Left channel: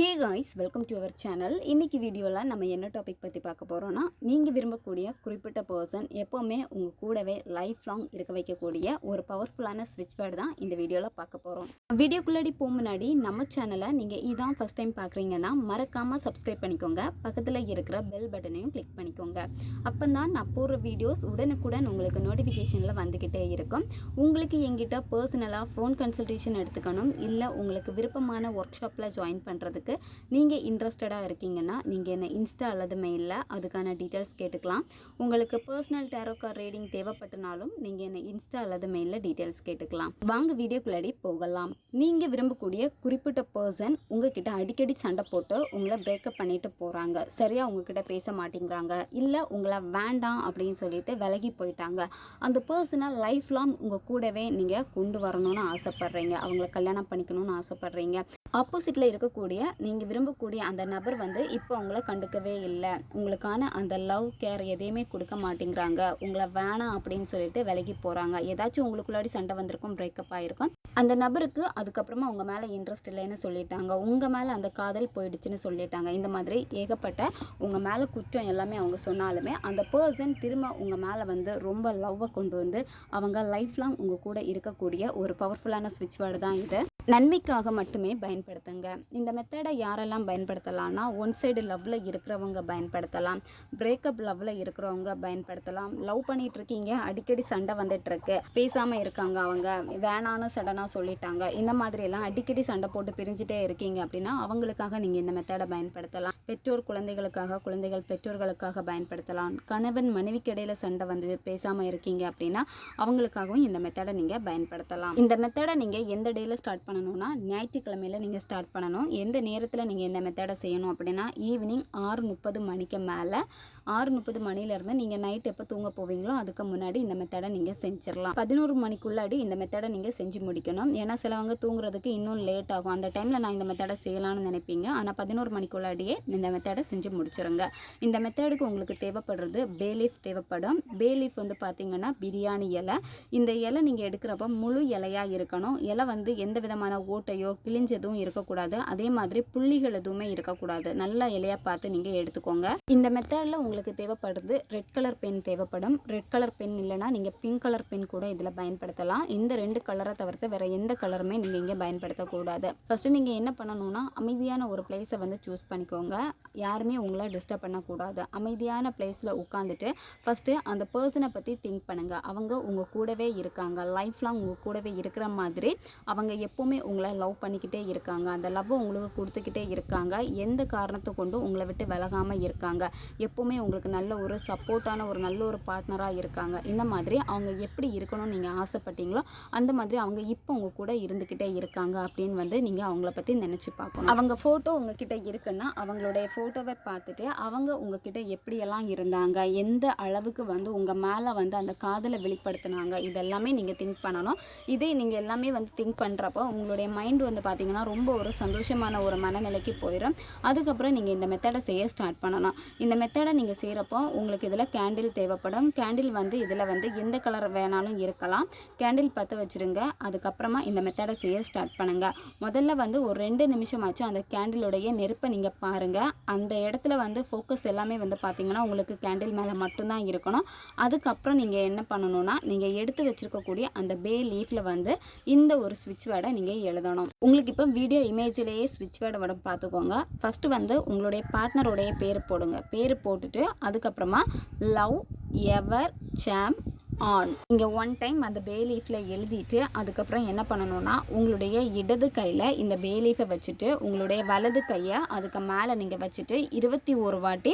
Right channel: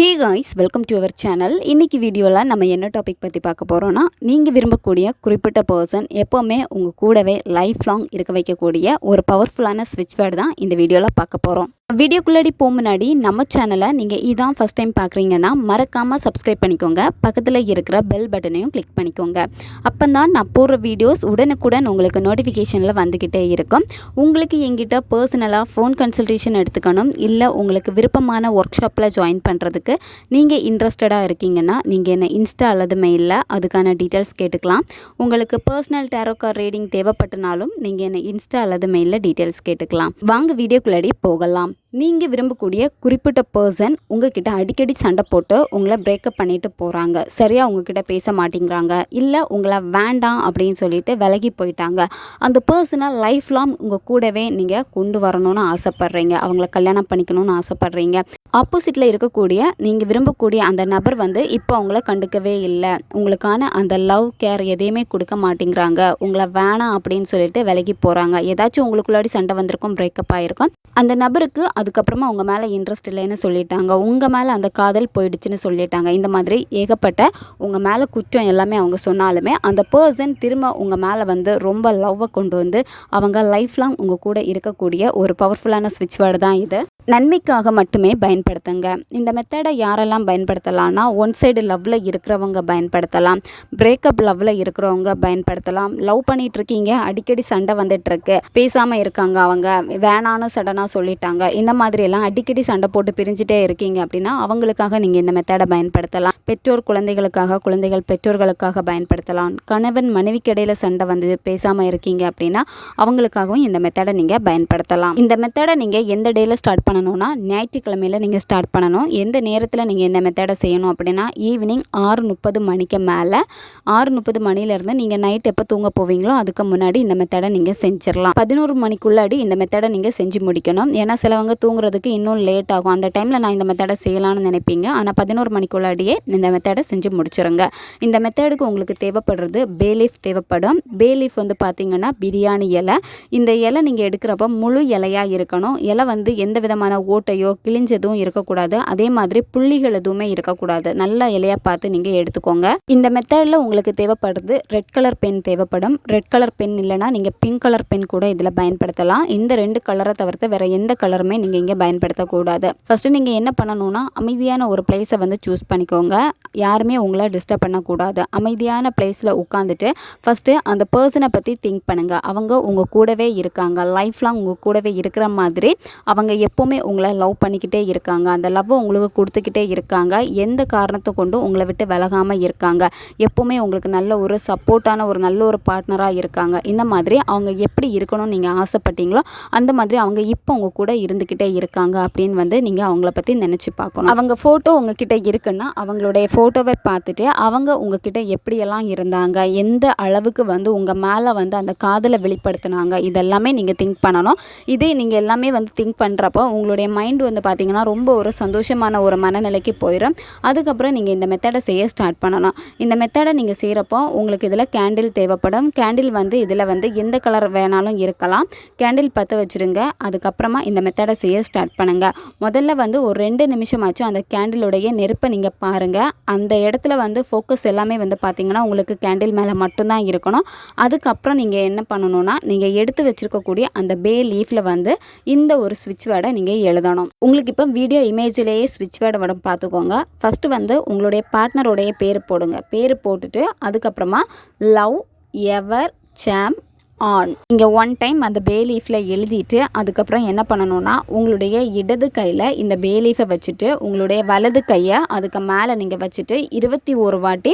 Hey guys welcome to our channel இன்றைக்கி வீடியோவில் நம்ம என்ன டாபிக் பற்றி பார்க்க போகிறோன்னா நீங்கள் விரும்பக்கூடிய குறிப்பிட்ட பர்சன் எப்போவுமே உங்கள் கூடவே லைஃப் லாங் இருக்க வைக்கக்கூடிய ஒரு பவர்ஃபுல்லான ஸ்விட்ச் வேர்டு தான் இந்த வீடியோவில் பார்க்க போகிறோம் வீடியோக்குள்ளாடி போக முன்னாடி நம்ம சேனலை நீங்கள் இதான் ஃபஸ்ட் டைம் பார்க்குறீங்கன்னா மறக்காமல் சப்ஸ்கிரைப் பண்ணிக்கோங்க. பக்கத்தில் இருக்கிற பெல் பட்டனையும் கிளிக் பண்ணிக்கோங்க. அப்போ தான் நான் போடுற வீடியோஸ் உடனுக்குடன் உங்களுக்கு நோட்டிஃபிகேஷனில் வந்துக்கிட்டே இருக்கும். உங்களுக்கு எங்கிட்ட பர்சனலாக ஃபோன் கன்சல்டேஷன் எடுத்துக்கணும் இல்லை உங்களுக்கு விருப்பமான ஒர்க் ஷாப்பில் ஜாயின் பண்ணுறதுக்கு நீங்கள் இன்ட்ரெஸ்டடாக இருக்கீங்கன்னா நீங்கள் என்ன இன்ஸ்டா அல்லது மெயிலில் அதுக்கான டீட்டெயில்ஸ் கேட்டுக்கலாம். உங்களுக்கு பர்சனல் டேரோ கார் ரீடிங் தேவைப்பட்டனாலும் நீங்கள் என்ன இன்ஸ்டா அல்லது மெயிலில் டீட்டெயில்ஸ் கேட்டுக்கலாம். வாங்க வீடியோக்குள்ளாடி போகலாம். நீங்கள் விரும்பக்கூடிய குறிப்பிட்ட பர்சன் உங்ககிட்ட அடிக்கடி சண்டை போட்டு உங்களை பிரேக்கப் பண்ணிட்டு போகிறாங்க சரியாக உங்ககிட்ட பேச மாட்டேங்கிறாங்க. இல்லை உங்களை வேண்டாம் அப்படின்னு சொல்லிட்டு விலகி போயிட்டாங்க. அந்த பர்சனை லைஃப் லாங் உங்கள் கூடவே நீங்கள் கொண்டு வரணும்னு ஆசைப்பட்றீங்க. அவங்கள கல்யாணம் பண்ணிக்கணும்னு ஆசைப்பட்றீங்க. ஆப்போசிட்டில் இருக்கக்கூடிய நீங்கள் விரும்பக்கூடிய அந்த நபர் வந்து இப்போ அவங்கள கண்டுக்கவே இல்லை. உங்களுக்கான அந்த லவ் கேர் எதையுமே கொடுக்க மாட்டேங்கிறாங்க. உங்களை வேணாம் அப்படின்னு சொல்லிட்டு விலகி போகிறாங்க ஏதாச்சும் உங்களுக்குள்ளாடி சண்டை வந்திருக்கும் பிரேக்கப் ஆகிருக்கும் அந்த நபருக்கு அதுக்கப்புறமா உங்கள் மேலே இன்ட்ரெஸ்ட் இல்லைன்னு சொல்லிட்டாங்க. உங்கள் மேலே அந்த காதல் போயிடுச்சுன்னு சொல்லிட்டாங்க. இந்த மாதிரி ஏகப்பட்ட உங்கள் மேலே குற்றம் எல்லாமே அவங்க சொன்னாலுமே அந்த பர்சன் திரும்ப உங்கள் மேலே வந்து ரொம்ப லவ்வை கொண்டு வந்து அவங்க லைஃப் லாங் உங்கள் கூட இருக்கக்கூடிய ஒரு பவர்ஃபுல்லான ஸ்விட்ச் வேர்டு தான் இது. நன்மைக்காக மட்டுமே பயன்படுத்துங்க. இந்த மெத்தடை யாரெல்லாம் பயன்படுத்தலாம்னா ஒன் சைடு லவ்வில் இருக்கிறவங்க பயன்படுத்தலாம். பிரேக்கப் லவ்வில் இருக்கிறவங்க பயன்படுத்தலாம். லவ் பண்ணிகிட்ருக்கீங்க இருக்கீங்க அடிக்கடி சண்டை வந்துட்டுருக்கு பேசாமல் இருக்காங்க அவங்க. வேணான்னு சடனாக சொல்லிட்டாங்க. இந்த மாதிரியெல்லாம் அடிக்கடி சண்டை போட்டு பிரிஞ்சுட்டே இருக்கீங்க அப்படின்னா அவங்களுக்காக நீங்கள் இந்த மெத்தடை பயன்படுத்தலாம். பெற்றோர் குழந்தைகளுக்காக குழந்தைகள் பெற்றோர்களுக்காக பயன்படுத்தலாம். கணவன் மனைவிக்கு இடையில சண்டை வந்து பேசாமல் இருக்கீங்க அப்படின்னா அவங்களுக்காகவும் இந்த மெத்தடை நீங்கள் பயன்படுத்தலாம். இந்த மெத்தடை நீங்கள் எந்த டேயில் ஸ்டார்ட் பண்ணணும்னா ஞாயிற்றுக்கிழமையில் நீங்கள் ஸ்டார்ட் பண்ணணும். எந்த நேரத்தில் நீங்கள் இந்த மெத்தடை செய்யணும் அப்படின்னா ஈவினிங் ஆறு முப்பது மணிக்கு மேலே ஆறு முப்பது மணிலேருந்து நீங்கள் நைட் எப்போ தூங்க போவீங்களோ அதுக்கு முன்னாடி இந்த மெத்தடை நீங்கள் செஞ்சிடலாம். பதினோரு மணிக்குள்ளாடி இந்த மெத்தடை நீங்கள் செஞ்சு முடிக்கணும். ஏன்னா சிலவங்க தூங்குறதுக்கு இன்னும் லேட் ஆகும். அந்த டைமில் நான் இந்த மெத்தடை செய்யலாம்னு நினைப்பீங்க. ஆனால் பதினோரு மணிக்குள்ளாடியே இந்த மெத்தடை செஞ்சு முடிச்சுருங்க. இந்த மெத்தடுக்கு உங்களுக்கு தேவைப்படுறது பேலீஃப் தேவைப்படும். பேலீஃப் வந்து பார்த்தீங்கன்னா பிரியாணி இலை. இந்த இலை நீங்கள் எடுக்கிறப்ப முழு இலையாக இருக்கணும். இலை வந்து எந்த விதமான ஓட்டையோ கிழிஞ்சதும் இருக்கக்கூடாது. அதே மாதிரி புள்ளிகள் எதுவுமே இருக்கக்கூடாது. நல்ல இலையாக பார்த்து நீங்கள் எடுத்துக்கோங்க. இந்த மெத்தடில் உங்களுக்கு தேவைப்படுறது ரெட் கலர் பென் தேவைப்படும். ரெட் கலர் பென் இல்லைனா நீங்கள் பிங்க் கலர் பென் கூட இதில் பயன்படுத்தலாம். இந்த ரெண்டு கலரை தவிர்த்து வேறு எந்த கலருமே நீங்கள் இங்கே பயன்படுத்தக்கூடாது. ஃபஸ்ட்டு நீங்கள் என்ன பண்ணணும்னா அமைதியான ஒரு பிளேஸை வந்து சூஸ் பண்ணிக்கோங்க. யாருமே உங்களை டிஸ்டர்ப் பண்ணக்கூடாது. அமைதியான பிளேஸில் உட்காந்துட்டு ஃபஸ்ட்டு அந்த பர்சனை பற்றி திங்க் பண்ணுங்கள் அவங்க உங்கள் கூடவே இருக்காங்க. லைஃப் லாங் உங்கள் கூடவே இருக்கிற மாதிரி அவங்க எப்போவுமே எப்போவுமே உங்களை லவ் பண்ணிக்கிட்டே இருக்காங்க. அந்த லவ்வை உங்களுக்கு கொடுத்துக்கிட்டே இருக்காங்க. எந்த காரணத்தை கொண்டும் உங்களை விட்டு விலகாமல் இருக்காங்க? எப்போவுமே உங்களுக்கு நல்ல ஒரு சப்போர்ட்டான ஒரு நல்ல ஒரு பார்ட்னராக இருக்காங்க. இந்த மாதிரி அவங்க எப்படி இருக்கணும்னு நீங்கள் ஆசைப்பட்டீங்களோ அந்த மாதிரி அவங்க இப்போ உங்கள் கூட இருந்துக்கிட்டே இருக்காங்க அப்படின்னு வந்து நீங்கள் அவங்கள பற்றி நினச்சி பார்க்கணும். அவங்க ஃபோட்டோ உங்ககிட்ட இருக்குன்னா அவங்களுடைய ஃபோட்டோவை பார்த்துட்டு அவங்க உங்ககிட்ட எப்படியெல்லாம் இருந்தாங்க? எந்த அளவுக்கு வந்து உங்கள் மேலே வந்து அந்த காதலை வெளிப்படுத்தினாங்க? இதெல்லாமே நீங்கள் திங்க் பண்ணணும். இதே நீங்கள் எல்லாமே வந்து திங்க் பண்ணுறப்போ உங்களுடைய மைண்டு வந்து பார்த்திங்கன்னா ரொம்ப ஒரு சந்தோஷமான ஒரு மனநிலைக்கு போயிடும் அதுக்கப்புறம் நீங்கள் இந்த மெத்தடை செய்ய ஸ்டார்ட் பண்ணணும் இந்த மெத்தடை நீங்கள் செய்கிறப்போ உங்களுக்கு இதில் கேண்டில் தேவைப்படும். கேண்டில் வந்து இதில் வந்து எந்த கலர் வேணாலும் இருக்கலாம். கேண்டில் பற்ற வச்சுருங்க. அதுக்கப்புறமா இந்த மெத்தடை செய்ய ஸ்டார்ட் பண்ணுங்கள் முதல்ல வந்து ஒரு ரெண்டு நிமிஷமாச்சும் அந்த கேண்டிலுடைய நெருப்பை நீங்கள் பாருங்கள் அந்த இடத்துல வந்து ஃபோக்கஸ் எல்லாமே வந்து பார்த்திங்கன்னா உங்களுக்கு கேண்டில் மேலே மட்டும்தான் இருக்கணும். அதுக்கப்புறம் நீங்கள் என்ன பண்ணணும்னா நீங்கள் எடுத்து வச்சுருக்கக்கூடிய அந்த பே லீஃபில் வந்து இந்த ஒரு சுவிட்ச் வேர்டை நீங்கள் எழுதணும். உங்களுக்கு இப்போ வீடியோ இமேஜிலேயே ஸ்விட்ச் வேர்டு வரும் பார்த்துக்கோங்க ஃபஸ்ட்டு வந்து உங்களுடைய பார்ட்னருடைய பேர் போடுங்க. பேர் போட்டுட்டு அதுக்கப்புறமா லவ் எவர் சாம் ஆன் இங்கே ஒன் டைம் அந்த பே லீஃபில் எழுதிட்டு அதுக்கப்புறம் என்ன பண்ணணும்னா உங்களுடைய இடது கையில் இந்த பே லீஃபை வச்சுட்டு உங்களுடைய வலது கையை அதுக்கு மேலே நீங்கள் வச்சுட்டு இருபத்தி ஒரு வாட்டி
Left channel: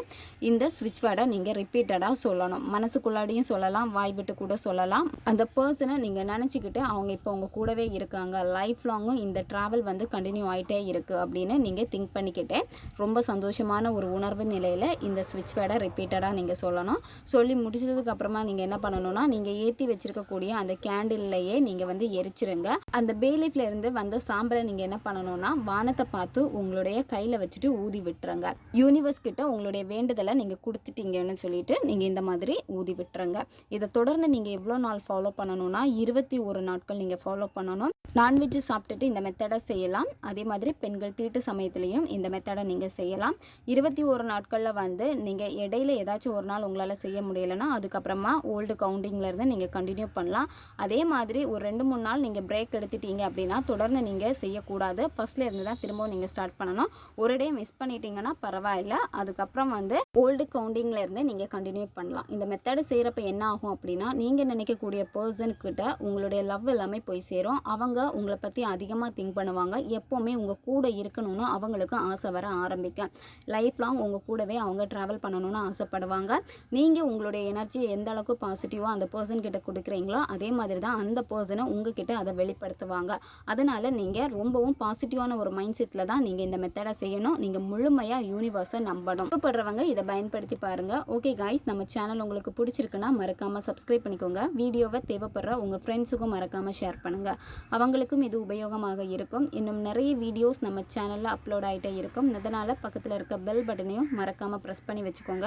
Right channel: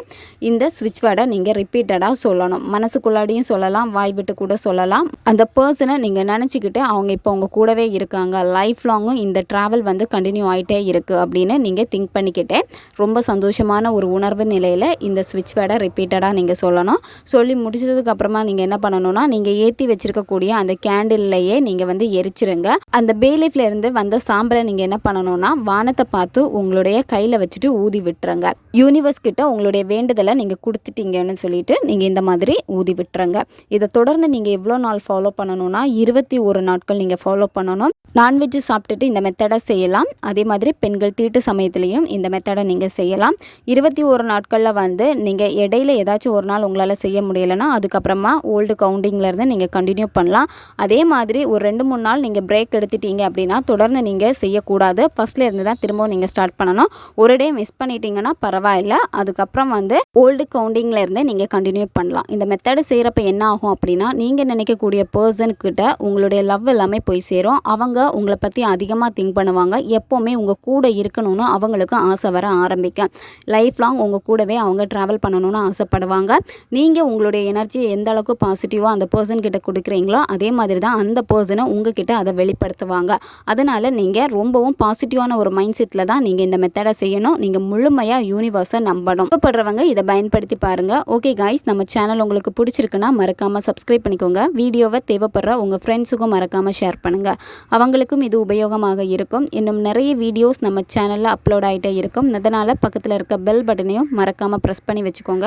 இந்த ஸ்விட்ச் வேர்டை நீங்கள் ரிப்பீட்டடாக சொல்லணும். மனசுக்குள்ளாடியும் சொல்லலாம் வாய் விட்டு கூட சொல்லலாம். அந்த பர்சனை நீங்கள் நினச்சிக்கிட்டு அவங்க இப்போ உங்கள் கூடவே இருக்காங்க. லைஃப் லாங்கும் இந்த ட்ராவல் வந்து கண்டினியூ ஆகிட்டே இருக்குது அப்படின்னு நீங்கள் திங்க் பண்ணிக்கிட்டே ரொம்ப சந்தோஷமான ஒரு உணர்வு நிலையில் இந்த ஸ்விட்ச் வேர்டை ரிப்பீட்டடாக நீங்கள் சொல்லணும். சொல்லி முடிச்சதுக்கு அப்புறமா நீங்கள் என்ன பண்ணணும்னா நீங்கள் ஏற்றி வச்சிருக்கக்கூடிய அந்த கேண்டில்லையே நீங்கள் வந்து எரிச்சிருங்க. அந்த பேலீஃப்ல இருந்து வந்த சாம்பலை நீங்கள் என்ன பண்ணணும்னா வானத்தை பார்த்து உங்களுடைய கையில் வச்சுட்டு ஊதி விட்டுருங்க. யூனிவர்ஸ் கிட்ட உங்களுடைய வேண்டுதலை நீங்கள் கொடுத்துட்டீங்கன்னு சொல்லிட்டு நீங்கள் இந்த மாதிரி ஊதி விட்டுருங்க. இதை தொடர்ந்து நீங்கள் எவ்வளோ நாள் ஃபாலோ பண்ணணும்னா இருபத்தி ஒரு நாட்கள் நீங்கள் ஃபாலோ பண்ணணும். நான்வெஜ் சாப்பிட்டுட்டு இந்த மெத்தடை செய்யலாம். அதே மாதிரி பெண்கள் தீட்டு சமயத்துலேயும் இந்த மெத்தடை நீங்கள் செய்யலாம். இருபத்தி ஒரு நாட்களில் வந்து நீங்கள் இடையில ஏதாச்சும் ஒரு நாள் உங்களால் செய்ய முடியலைன்னா அதுக்கப்புறமா ஓல்டு கவுண்டிங்கில் இருந்து நீங்கள் கண்டினியூ பண்ணலாம். அதே மாதிரி ஒரு ரெண்டு மூணு நாள் நீங்கள் பிரேக் எடுத்துட்டீங்க அப்படின்னா தொடர்ந்து நீங்கள் செய்யக்கூடாது. ஃபஸ்ட்டில் இருந்து தான் திரும்பவும் நீங்கள் ஸ்டார்ட் பண்ணணும். ஒரு டே மிஸ் பண்ணிட்டீங்கன்னா பரவாயில்ல. அதுக்கப்புறம் வந்து ஓல்டு கவுண்டிங்கில் இருந்தே நீங்கள் கண்டினியூ பண்ணலாம். இந்த மெத்தடு செய்கிறப்ப என்ன ஆகும் அப்படின்னா நீங்கள் நினைக்கக்கூடிய பர்சன்கிட்ட உங்களுடைய லவ் எல்லாமே போய் சேரும். அவங்க உங்களை பற்றி அதிகமாக திங்க் பண்ணுவாங்க. எப்போவுமே உங்கள் கூட இருக்கணும்னு அவங்களுக்கு ஆசை வர ஆரம்பிக்கும். லைஃப் லாங் உங்கள் கூடவே அவங்க ட்ராவல் பண்ணணும்னு ஆசைப்படுவாங்க. நீங்கள் உங்களுடைய எனர்ஜி எந்த அளவுக்கு பாசிட்டிவாக அந்த பர்சன் கிட்ட கொடுக்குறீங்களோ அதே மாதிரி தான் அந்த பர்சனை உங்ககிட்ட அதை வெளிப்படுத்துவாங்க. அதனால் நீங்கள் ரொம்பவும் பாசிட்டிவான ஒரு மைண்ட் செட்டில் தான் நீங்கள் இந்த மெத்தடை செய்யணும். நீங்கள் முழுமையாக யூனிவர்ஸை நம்பணும். விருப்பப்படுறவங்க இதை பயன்படுத்தி பாருங்கள் ஓகே காய்ஸ் நம்ம சேனல் உங்களுக்கு பிடிச்சிருக்குன்னா மறக்காமல் சப்ஸ்கிரைப் பண்ணிக்கோங்க. வீடியோவை தேவைப்படுற உங்கள் ஃப்ரெண்ட்ஸுக்கும் மறக்காமல் ஷேர் பண்ணுங்கள் அவங்களுக்கும் இது உபயோகமாக இருக்கும். இன்னும் நிறைய வீடியோஸ் நம்ம சேனலில் அப்லோட் ஆகிட்டே இருக்கும். அதனால் பக்கத்தில் இருக்க பெல் பட்டனையும் மறக்காமல் ப்ரெஸ் பண்ணி வச்சுக்கோங்க.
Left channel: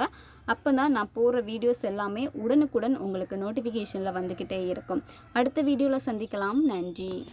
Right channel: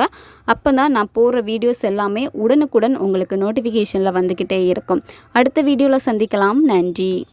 அப்போ தான் நான் போடுற வீடியோஸ் எல்லாமே உடனுக்குடன் உங்களுக்கு நோட்டிஃபிகேஷனில் வந்துக்கிட்டே இருக்கும். அடுத்த வீடியோவில் சந்திக்கலாம். நன்றி.